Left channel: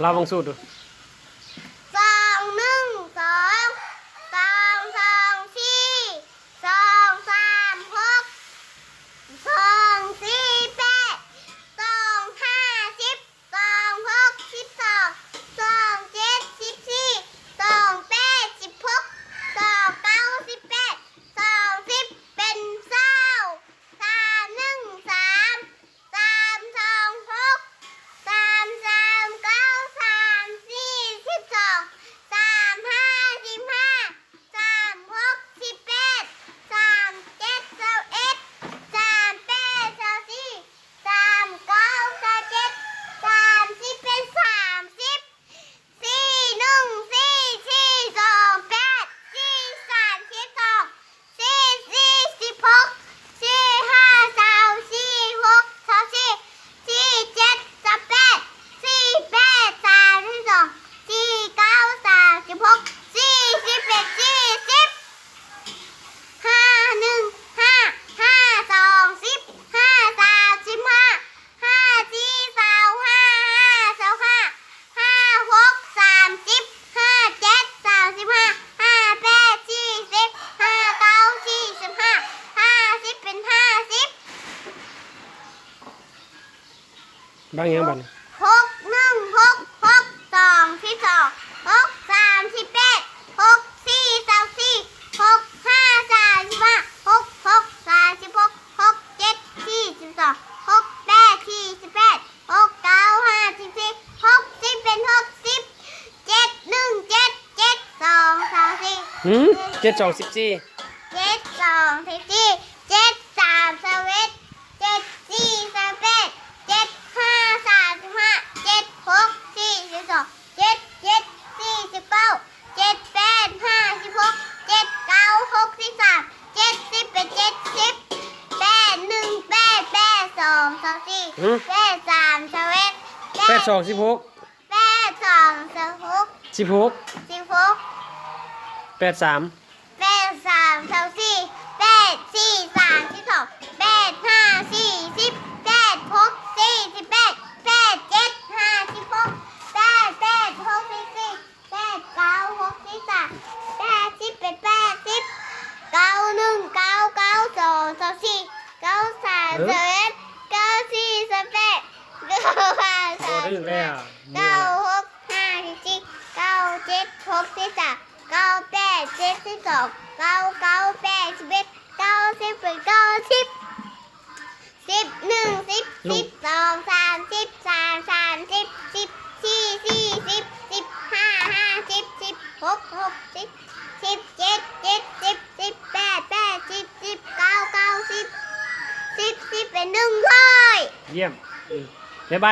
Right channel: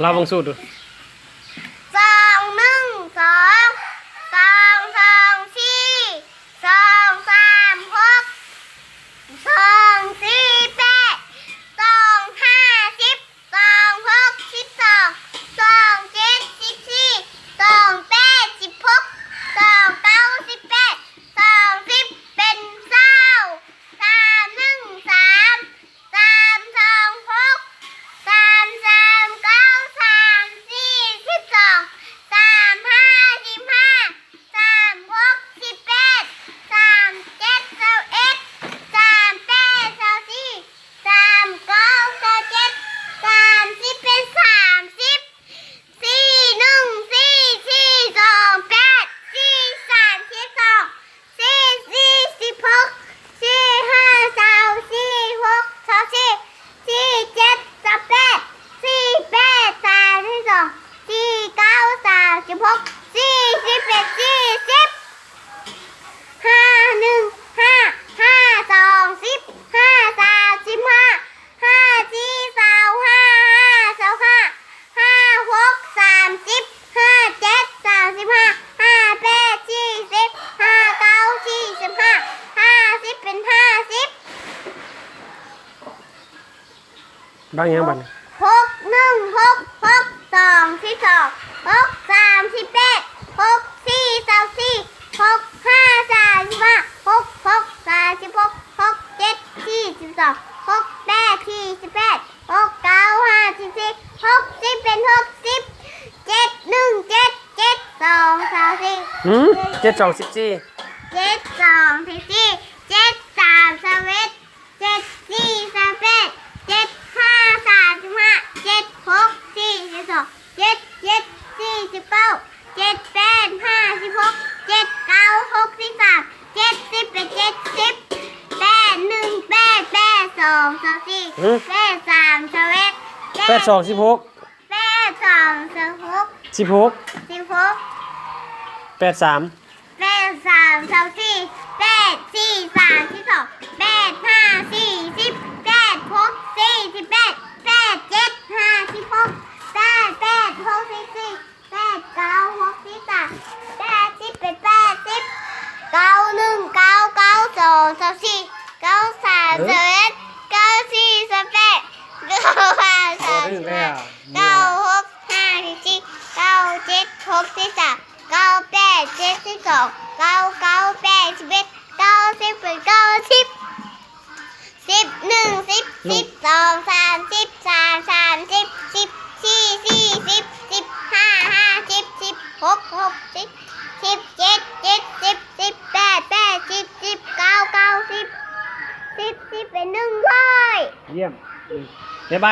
เราบังสูตรดูสองหนึ่งสองสองสองสี่สองสามหกสองสี่แปดสองห้าสิบสองหกสิบสองสองเจ็ดสิบสี่สองแปดสิบหกสองเก้าสิบแปดสองสิบเป็นเศร้าสามหนึ่งสามสามสองหกสามสามเก้าสามสี่สิบสองสามห้าสิบห้าสามหกสิบแปดสามเจ็ดสามเอ็ดสามแปดสามสี่สามเก้าสามเจ็ดสามสิบเป็นสามสิบสี่หนึ่งสี่สี่สองแปดสี่สามสิบสองสี่สี่สิบหกสี่ห้าสามสี่หกสามสี่สี่เจ็ดสามแปดสี่แปดสามสิบสองสี่เก้าสามสิบหกสี่สิบเอ็ดสี่สิบห้าหนึ่งห้าห้าสองสิบห้าสามสิบห้าห้าสี่สามห้าห้าสองห้าห้าหกสามสิบห้าเจ็ดสามสิบห้าห้าแปดสี่สิบห้าเก้าสี่สิบห้าห้าสิบเป็นห้าสิบบ างอย่างบัน หกหนึ่งหกหกสองที่สองหกสามที่แปดหกสี่สามสี่หกห้าสามสิบห้าหกหกสามสิบหกหกเจ็ดสี่สิบสองหกแปดสี่สิบแปดหกเก้าห้าสิบสี่หกสิบเป็นหกสิบเจ็ดหนึ่งเจ็ดเจ็ดสองสามสี่7 2 14เจ็ดสองสิบสี่เจ็ดสามสามเอ็ดเจ็ดสี่สามแปดเจ็ดห้าสามสิบห้าเจ็ดหกสี่สิบสองเจ็ดเจ็ดสี่สิบเก้าเจ็ดแปดห้าสิบหกเจ็ดเก้าหกสิบสามเจ็ดสิบเป็นเจ็ดสิบแปดหนึ่งแปดแปดสองสามสี่แปดสามสามเอ็ด8 2 16แปดสองสามหก 16 สิบหก 83 แปดสามสามสี่แปดสี่สามสิบสองแปดห้าสี่สิบแปดหกสี่สิบแปดแปดเจ็ดห้าสิบหกแปดแปดหกสิบสี่แปดเก้าหกสิบสามแปดสิบเป็นแปดสิบเก้าหนึ่งเก้าเก้าสองสามสี่เก้าสามสามเอ็ดเก้าสี่สามแปดเก้าห้าสามสิบห้าเก้าหกห้าสิบสี่เก้าเจ็ดหกสิบสามเก้าแปดเจ็ดสิบสองเก้าเก้าแปดสิบเอ็ดเก้าสิบเป็นเก้าสิบสิบหนึ่งสิบสิบสองสามสิบสามสามสิบสิบสี่สี่สิบสิบห้าห้าสิบสิบหกหกสิบสิบเจ็ดเจ็ดสิบสิบแปดแปดสิบสิบเก้าเก้าสิบสิบเป็น100เยี่ยมบ๊ายบาย